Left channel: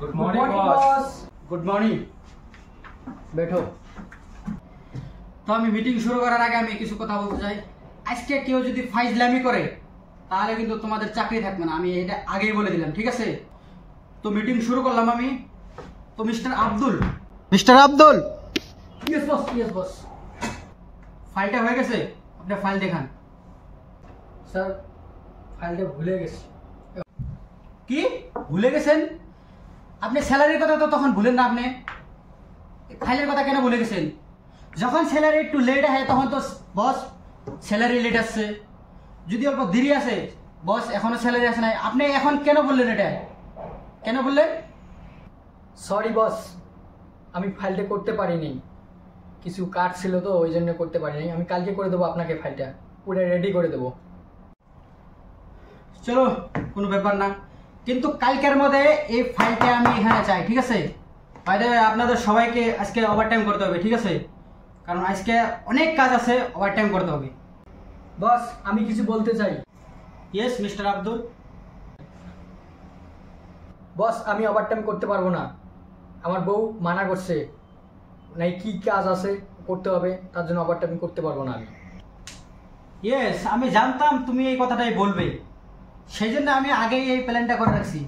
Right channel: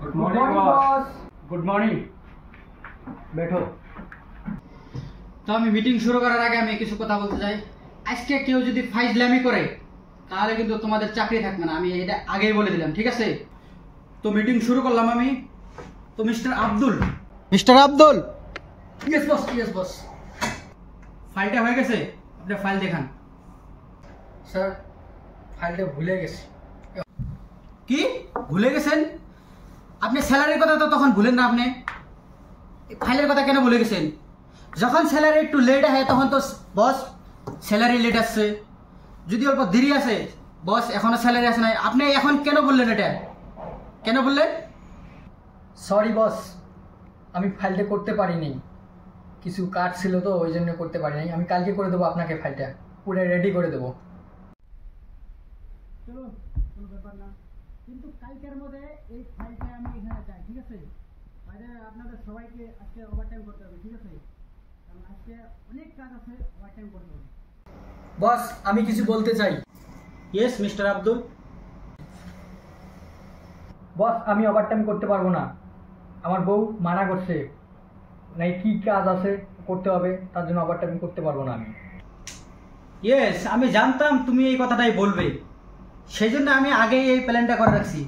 Good morning boss. Good morning, बैठो। তো আমি মিটিং শুরু করার আগে আমি কিছু কথা বলতে চাই। আজকে কেউ যদি ফাইজলামি করে তাহলে কিন্তু তোমাদের চাকরি থাকবে না, আমি এটা আগেই বলে দিলাম, ঠিক আছে? তো মিটিং শুরু করলাম আমি। তো mister Abdul. Yes boss, yes boss. ফাইলটা হয়ে গেছে, আপনি ফাইল দেখান। স্যার, ফাইলটা ভুলে গেছি। কি ভুলে গেছেন? আপনি স্যালারির কথা তো তখন ভুলেন না, আপনি ফাইলের কথা কেন ভুলে গেছেন? যখন স্যালারি একটু লেট হয় তখন তো বস স্যালারি লেট আসছে, যদি অল্প দেরি আছে বস এখনো স্যালারি আসে নাই, আপনি এখন কেন বললেন? এটা কেন বললেন? সরি বস, আমি ফাইলটা করতে পারিনি, কিছু কাজ ছিল তো ওই জন্য করতে পারিনি। আমি কালকে করে দেবো আপনাকে, ফাইলটা পুরো রেডি করে দেবো। চলো, কোনো ব্যাপার না, কিন্তু কালকের মধ্যে এই ফাইলটা আমি এখানে চাই, ঠিক আছে? বাইরে আপনাদের সবাইকে আজকে ওভারটাইম করতে হবে, ঠিক আছে? কারণ আজকে অনেক কাজ আছে, ওভারটাইম করতে হবে। বস, আমি কিছু বলতে চাই। Yes mister Abdul. বস, আমি ওভারটাইম করতে পারবো না, আমার বউ মানা করছে, নাই কি কাজ আছে করতে হবে, তার জন্য ওভারটাইম করতে পারবো না আমি। ইয়েস, আমি জানতাম তুমি এই কথাটাই বলবে, সেই জন্য আমি আগেই এই প্ল্যানটা করে রাখছি।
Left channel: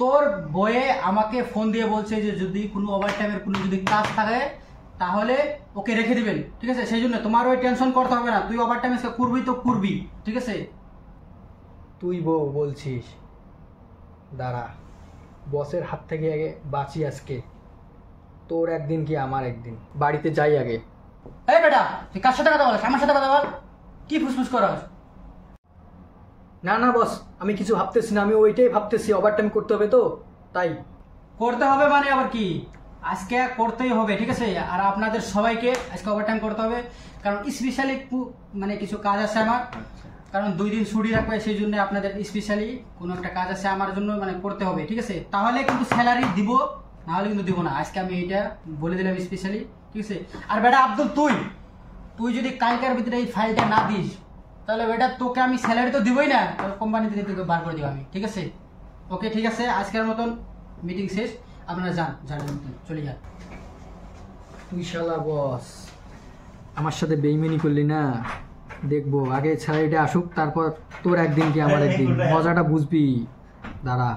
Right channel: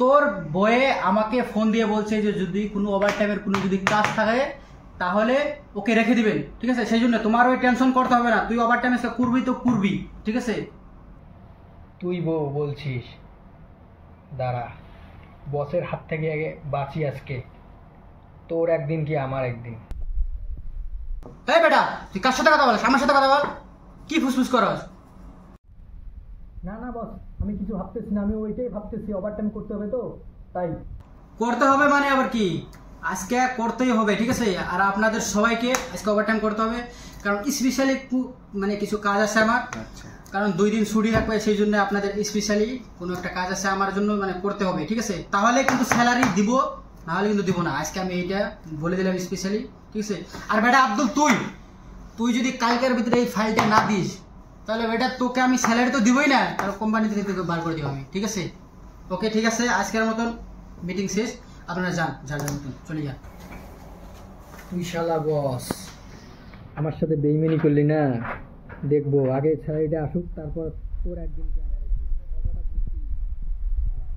তোর বয়ে আমাকে ফোন দিয়ে বলছে যে যদি কোনো ওভারটাইমের কোনো যদি কাজ থাকে তাহলে ওকে রেখে দিবেন, ঠিক আছে? সেই জন্য তোমার ওই টেনশন করতে হবে না, তুই ওভারটাইম করবি তো করবি, ঠিক আছে? তুই বউ বলছিস, দাঁড়া, বসের হাত থেকে আগে বাঁচি আজকে, তোর একদিন কি আমার একদিন, বাড়িতে যাই আগে। এই বেটা, তুই কার সাথে কথা বলিস? আমার সাথে কথা বল। কি ফুসফুস করস? না না বস, আমি কিছু ভাবতেছি না, আমি ওইটাই ভাবতেছি, ওভারটাইম করতে হবে তো তাই। করতে হবে মানে আবার কি? আজকে করতেই হবে, ঠিক আছে? আর আপনাদের সবাইকে আজকে ওভারটাইম করতে হবে, কারণ স্পেশালি মানে কিছু কাজ আছে আমার, কারণ 2 দিন ছুটি রাখবে, সেই জন্য আপনাদের স্পেশালি কোনো একটা কাজ আছে আমার জন্য, মানে করতে হবে, ঠিক আছে? তাহলে কিন্তু স্যালারি দিব, না হলে কিন্তু দিব না। আজকে আমি এইটা বলে দিলাম স্পেশালি, ঠিক আছে? আর বেটা আব্দুল, তুই যদি কালকের ভিতরে এই ফাইলটা না দিস তাহলে বেটা তোকে আমি স্যালারি তো দিবই না, তাহলে কোম্পানি থেকে তোকে বার করে দেবো আমি, ঠিক আছে? ওকে, ঠিক আছে, আজকের মতন মিটিং শেষ, আপনারা যান, মতন চলে যান। তুই শালা বস, আমার সাথে বেইমানি করলি না, দেখবো আগে স্যালারিটা আসুক, তারপর তোর একদিন কি আমার একদিন, মজাটা বুঝবি, দাঁড়া।